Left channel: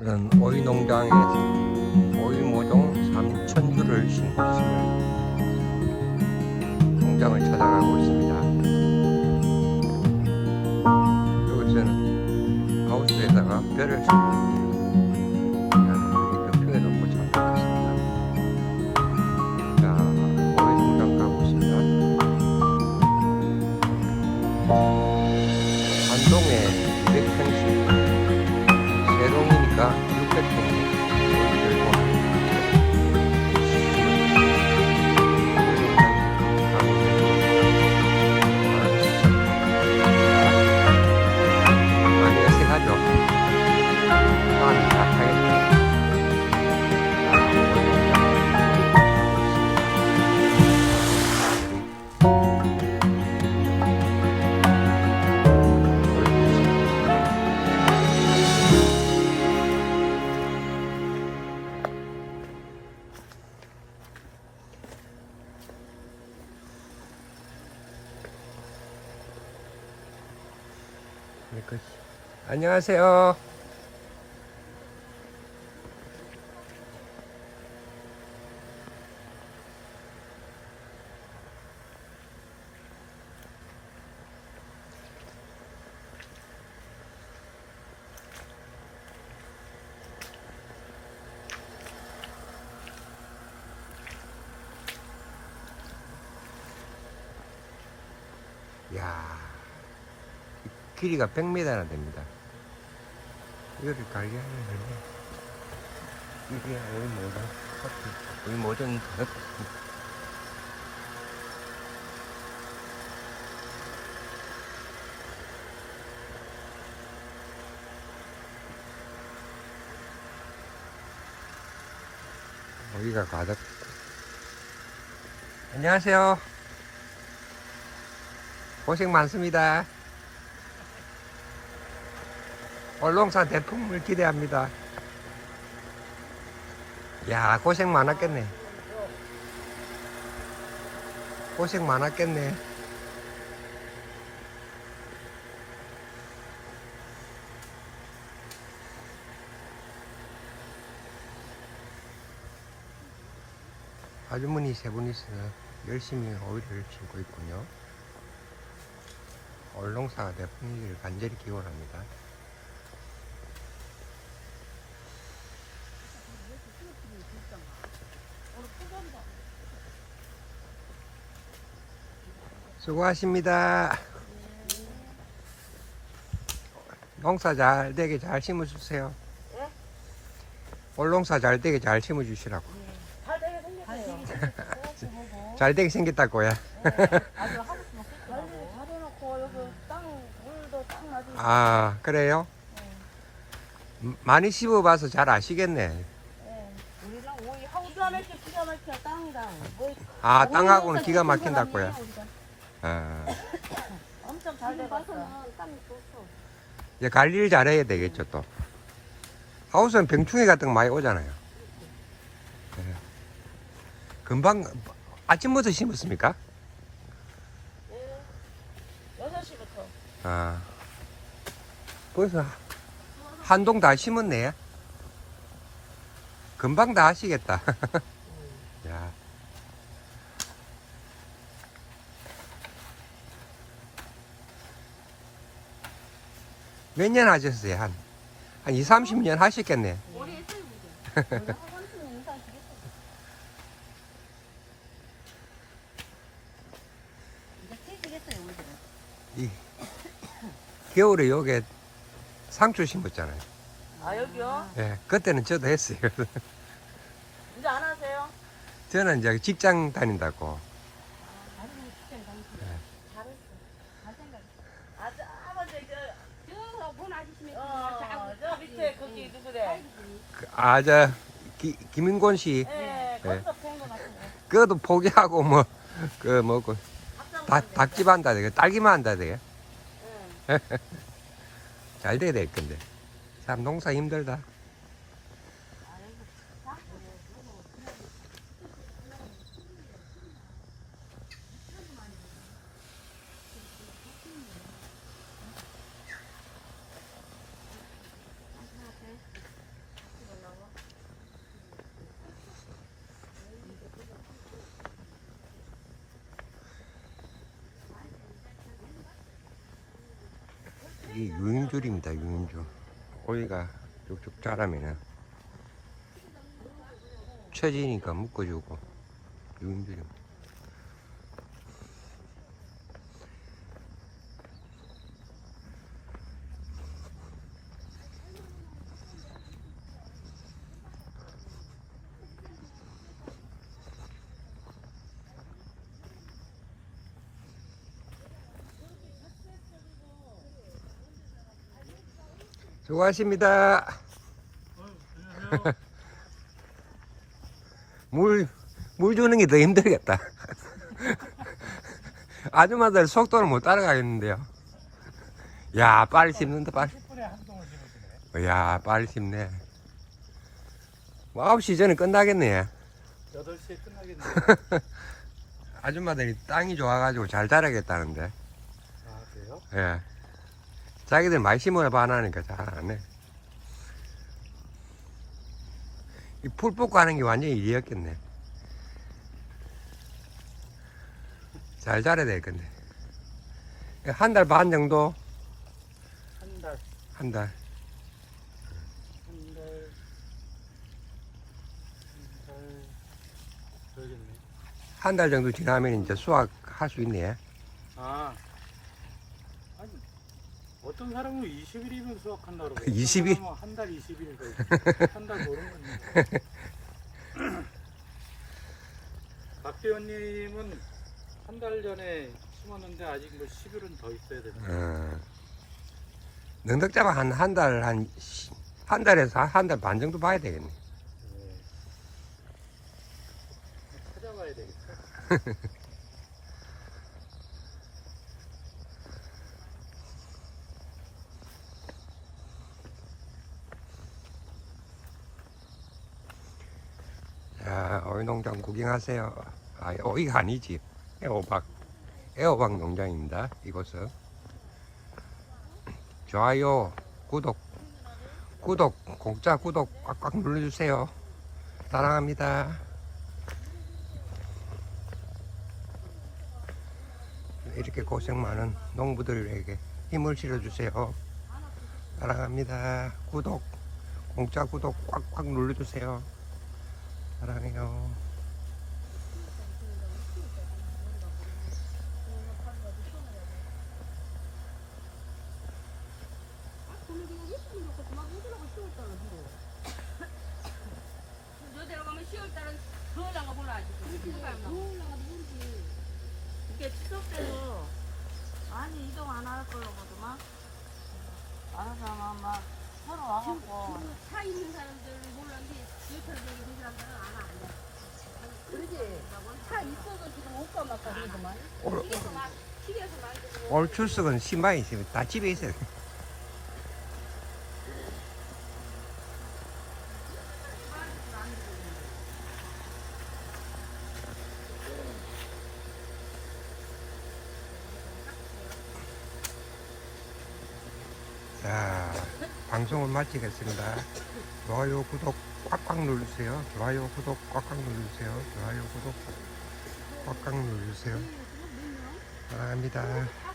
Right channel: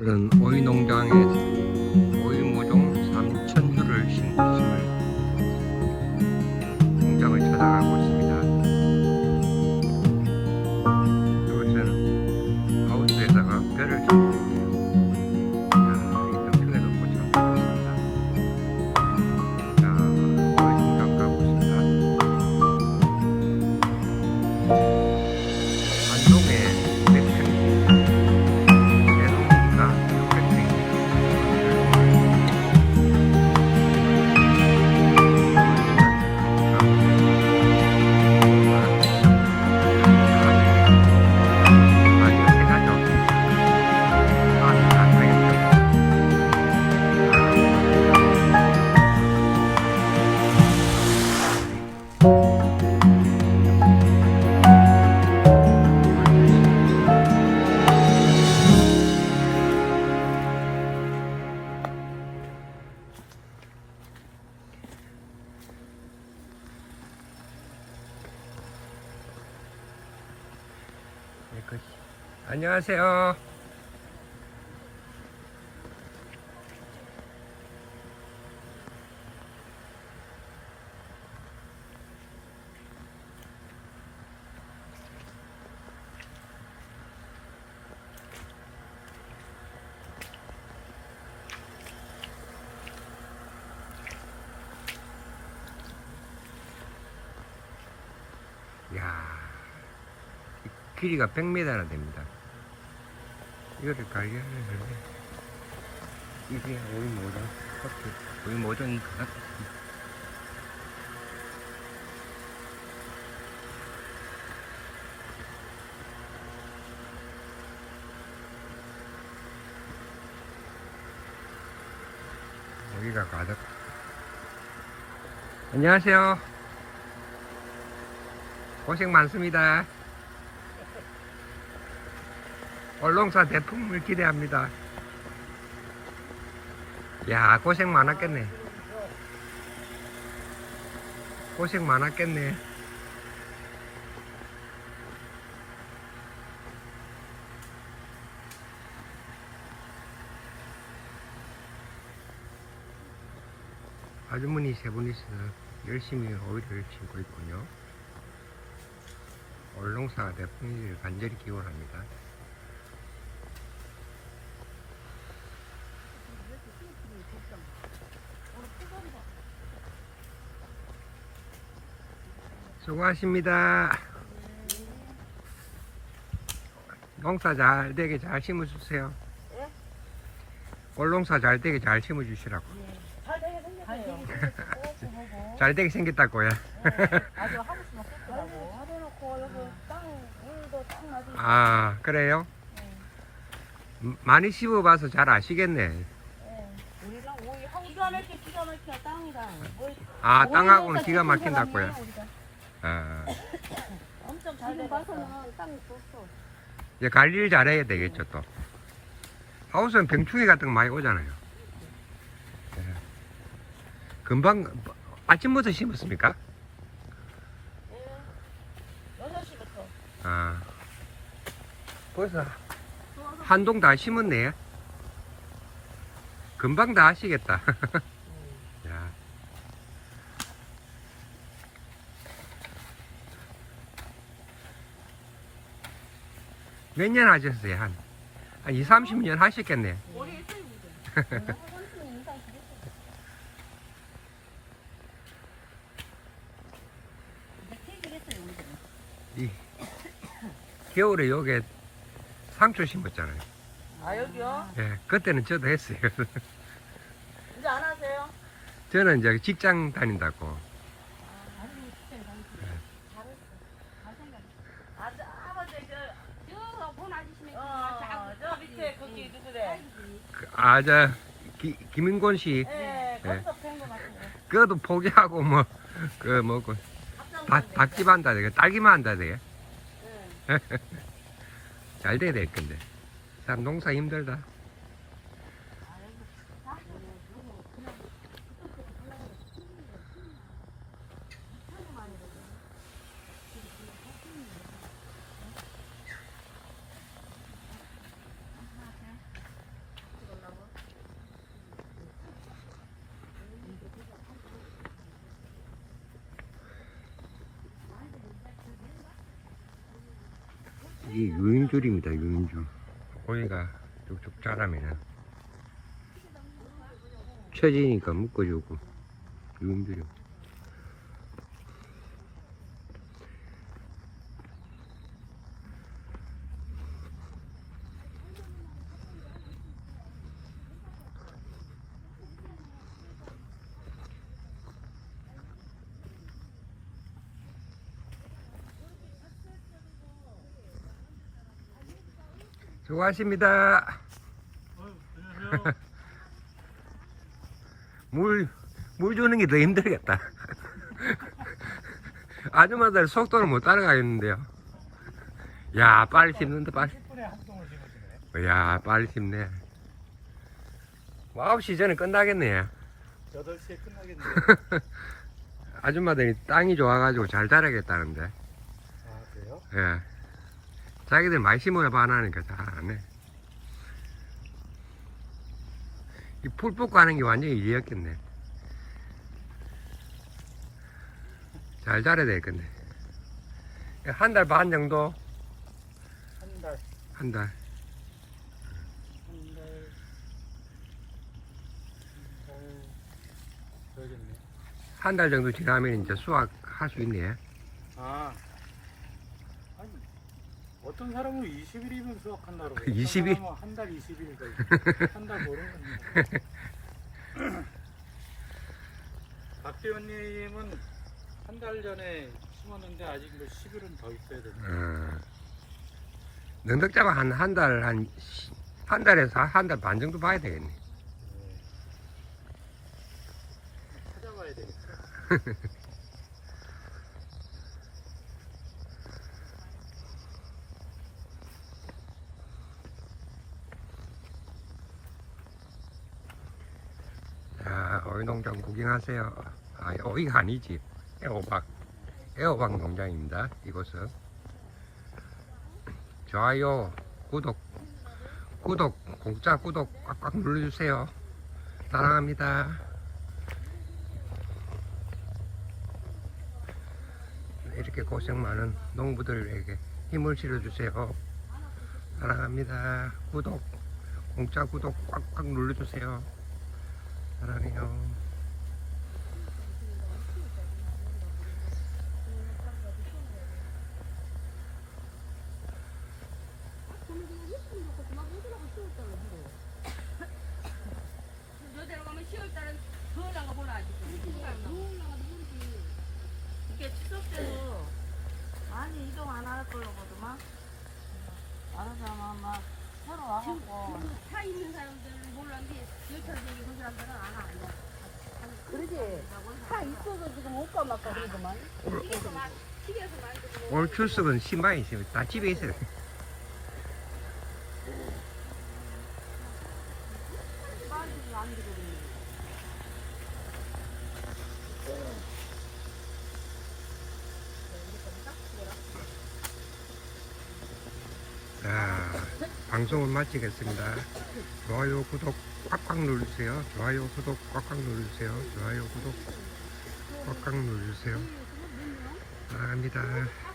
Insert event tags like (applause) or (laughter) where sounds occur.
오늘은 오이 안녕하세요. 길이가 100m나 됩니다. 이렇게 갈게 하면 이게 오이 모종 커피 오이 모종 커피 여기가 가득 안녕하세요. 고생 많습니다 얼롱사 대품을 기대합니다. 야 고생 많았겠네. 고생 많았겠네. 아주머니 세 분이서 열심히 오이를 심고 있군요. 얼롱사 대품을 간절히 기원합니다. 수고하십니다. 농사 잘 되게 잘 심어주세요. 예? 올농사 잘 되게 잘 심어주시라고. 잘 되게 생겼어요. 잘 되게 (laughs) 생겼다고요. (laughs) 아주 하고 싶으면 끝나고. 잘해놓고 여기 땅 물도 딱 맞으니까 아 그래요? 음, 많이 심어봐서 잘 아시겠네. 예. 우리랑 오이 하고 기가 막혀 기가 막혀 땅이랑 뭐 아 오이 땅하고는 농사 기가 막힌다고요. 사람이에요, 지금 돼봤어 봐서는 땅이 좋소. 이제 관리를 잘해야 되겠죠 또. 하우스는 병충해 같은 거 많이 오잖아요. 음. 금방 아침부터 심었습니까? 여섯 시부터 아. 그래서 한동 다 심었네. 금방 다 하시겠다. (laughs) 몇 년 하셨어요? 한, 한 2, 30년 하셨겠네. 오래 했어요, 우리. 원래 (laughs) 한 30년 이상 지냈어 이제. 이, 겨울에 요게 상추 심었잖아요. 아 여기요? 예, 그때는 저도 했어요. (laughs) 이제 안 하세요? 저는 이제 직장 다닌다고. 아니, 진짜 당신. 잘했어. 잘생겼어. 아 아버지 저본 아저씨네. 그어저 밑에 거기 누구래? 아, 저, 기, 김인곤 씨, 예 거기서 같은데 그것도 포기하고, 뭐, 그, 뭐, 그, 닭, 닭집 한다, 돼. 딸기만 한다, 돼. 예. (laughs) 잘 돼야 될 건데. 참, 농사 힘들다. 이게 유인줄입니다, 유인줄. 고기가 쭉쭉 자라면은. 처지니까 묶어주고, 유인줄이. 수고하십니다. (laughs) 물, 물 주는 게 더 힘들겠다. (laughs) 아줌마들 속도를 못 따라가겠는데요. 야, 빨리 씹는다, 빨리. 10분에 한 동을 심으시네. 야, 빨리 씹네. 뭐 9시 전에 끝나겠네. 8시에 끝나겠네요. (laughs) 아줌마들이 땅이 좋아가지고 잘 자라겠다는데. 아, 그래요? 예. 자기들 많이 심어봐 안 하니까 잘 안 해. 이 풀 뽑고 하는 게 완전히 일이었겠네. 잘 자라야 되겠네. 한 달 반 정도? 한 달, 한 달. 한 달, 한 달, 그러겠네. 한 달 정도 지나면 이제 수확할 수 있네. 아, 어떤 사람은 20일이면 수확한다 그러고. 20일? 한달 20일도 한달 모르는 건데. (laughs) 박대원님은 한 달 전에 심었는데 아직 뭐 10일은 더 있어야 됩니다. 어. 능덕자만 한, 한 달, 한, 시- 한 달에서 한 달 반 정도 봐야 되겠네. 네. 찾아봐야 되겠다. (laughs) 자, 오이 농장 구경하세요. 아, 오이가 아니지. 애호박. 애호박 농장입니다. 이곳은. 좋아요, 구독, 구독, 공짜 구독 꽉꽉 눌러주세요. 사랑합니다. 이렇게 고생 많은 농부들에게 힘을 실어주세요. 사랑합니다. 구독, 공짜 구독 꽉꽉 눌러주세요. 사랑해요. 너 데려가면 10월달은 더 나가 보나 아직. 이게 추석 때도 많이 이동 안 할 걸로 보더만. 알아서 막 서로 와갖고. 차 있는 사람들은 몰랐는데 여차적인 그 사람들은 안 와. 안 와. 그러지. 차 있어도 지금 못 가막가 그러더만. 집에서 막 집에서 만들고 올 출석은 신발이 있어요. 다 집에 있어요. 자, 방송을 마치겠습니다. 좋아요, 구독 꽉꽉 누르세요. 좋아요, 구독 꽉꽉 누르세요. 좋아요, 구독 꽉꽉 누르세요. 사랑합니다.